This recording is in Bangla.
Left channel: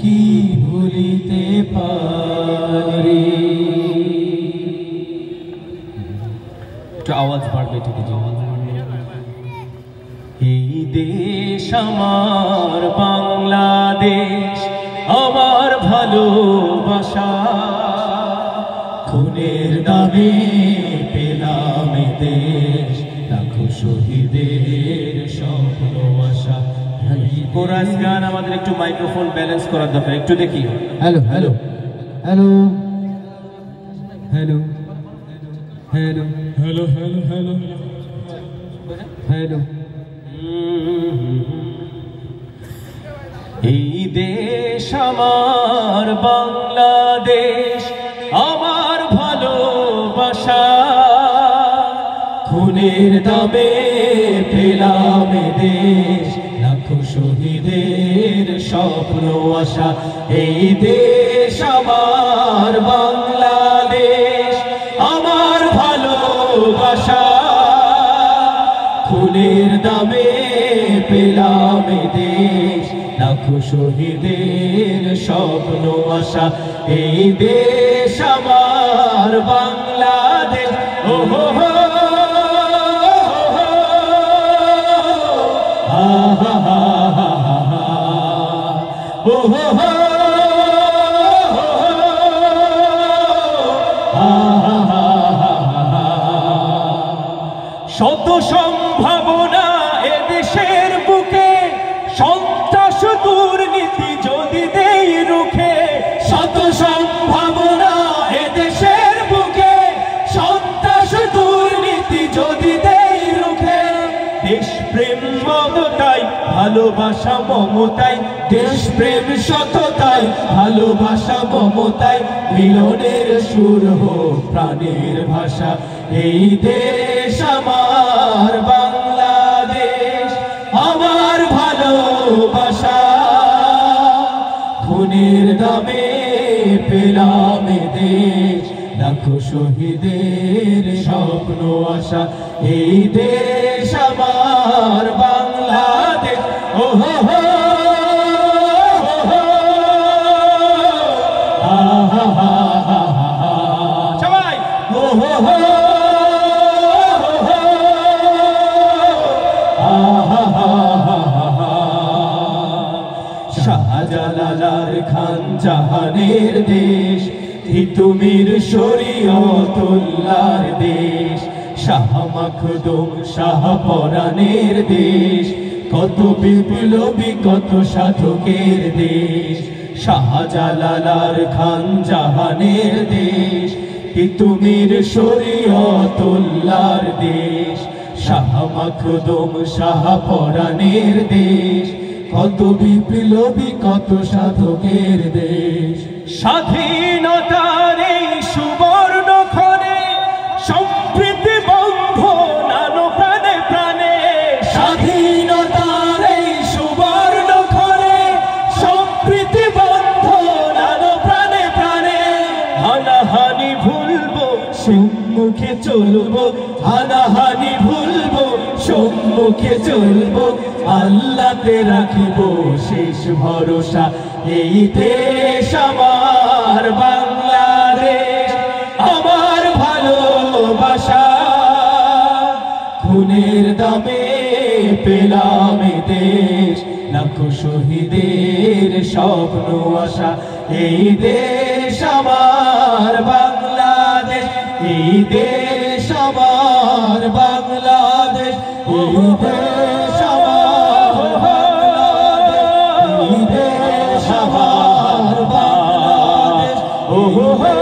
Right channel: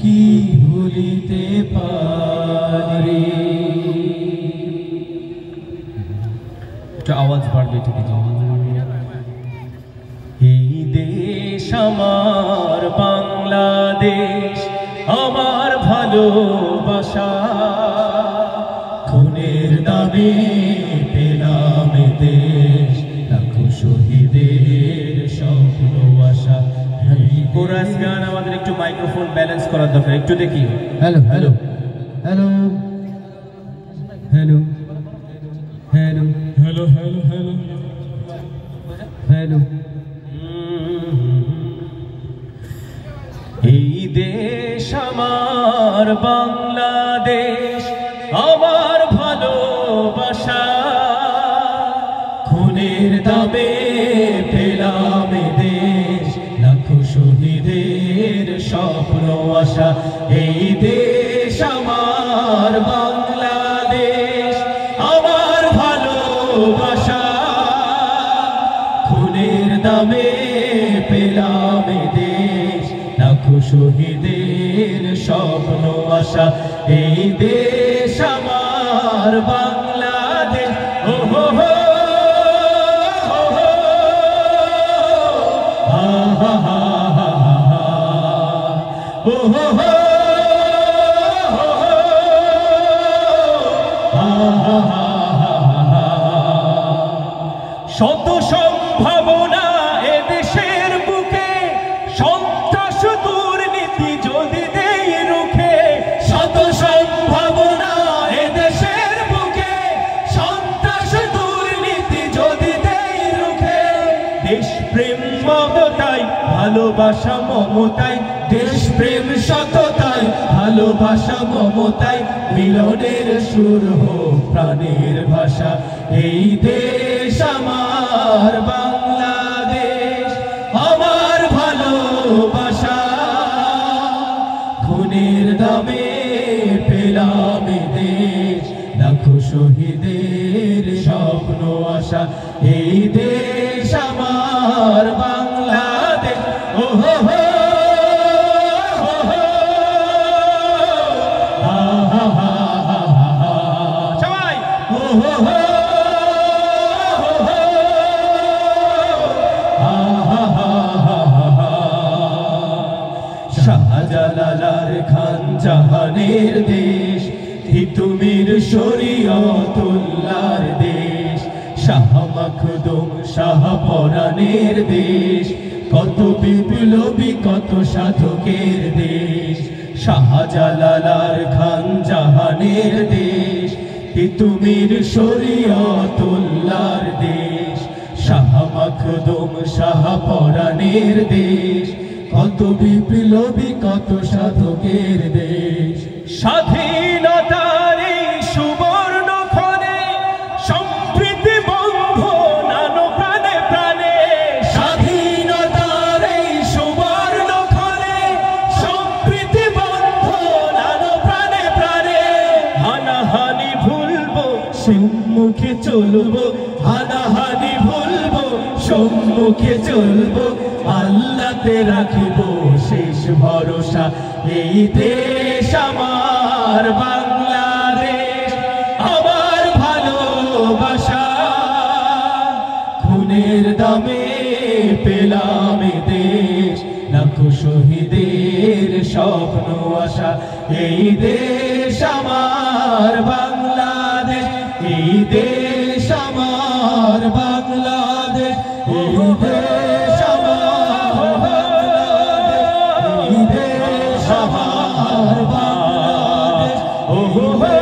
কি ভুলিতে পারি। একটু আওয়াজ বাড়বে, ঠিক আছে? এই দেশ আমার বাংলাদেশ, আমার ভালোবাসা, খুনের দামে পেলাম দেশ, লাখো শহীদের স্বপ্ন আশা। কোরাস গান আমাদের একটু মাইক্রোফোন ব্যালেন্স করার দরকার, একটু দেখি। Hello hello hello hello hello hello hello hello hello. এই দেশ আমার বাংলাদেশ, আমার ভালোবাসা, খুনের দামে পেলাম দেশ, লাখো শহীদের স্বপ্ন আশা। এই দেশ আমার বাংলাদেশ, আমার ভালোবাসা, খুনের দামে পেলাম দেশ, লাখো শহীদের স্বপ্ন আশা। এই দেশ আমার বাংলাদেশ, ও হো হো হা হা হা হা হা, ও হো হো হা হা হা হা। শত সম্ভাবনা এদেশের বুকে, সন্ত্রাস দুর্নীতি যদি দেই রুখে। শত সম্ভাবনা এদেশের বুকে, সন্ত্রাস দুর্নীতি যদি দেই রুখে। দেশপ্রেম মমতাই, ভালোবাসা মমতাই, দেশপ্রেম সততাই, ভালোবাসা মমতাই, মিলনের সুর হোক প্রাণের ভাষা। এই দেশ আমার বাংলাদেশ, আমার ভালোবাসা, খুনের দামে পেলাম দেশ, লাখো শহীদের স্বপ্ন আশা। এই দেশ আমার বাংলাদেশ, ও হো হো হা হা হা হা হা, সবাই ও হো হো শাহজালাল খান জাহানের দেশ, তিতুমির শরীয়তুল্লাহর দেশ, শাহ মখদুম শাহ পরাণের দেশ, কত বিপ্লবী কত সাধকের দেশ। শাহজালাল খান জাহানের দেশ, তিতুমির শরীয়তুল্লাহর দেশ, শাহ মখদুম শাহ পরাণের দেশ, কত বিপ্লবী কত সাধকের দেশ। স্বাধীনতার এই সুবর্ণ ক্ষণে সম্প্রীতি বন্ধন প্রাণে প্রাণে। স্বাধীনতার এই সুবর্ণ ক্ষণে সম্প্রীতি বন্ধন প্রাণে প্রাণে। হানাহানি ভুলবো, সম্মুখে চলবো, হানাহানি ভুলবো, সম্মুখে চলবো, আল্লাহতে রাখিব শেষ ভরসা। এই দেশ আমার বাংলাদেশ, আমার ভালোবাসা, খুনের দামে পেলাম দেশ, লাখো শহীদের স্বপ্ন আশা। এই দেশ আমার বাংলাদেশ, এই দেশ আমার বাংলাদেশ, এই দেশ আমার বাংলাদেশ, এই দেশ আমার বাংলাদেশ, ও হো হো।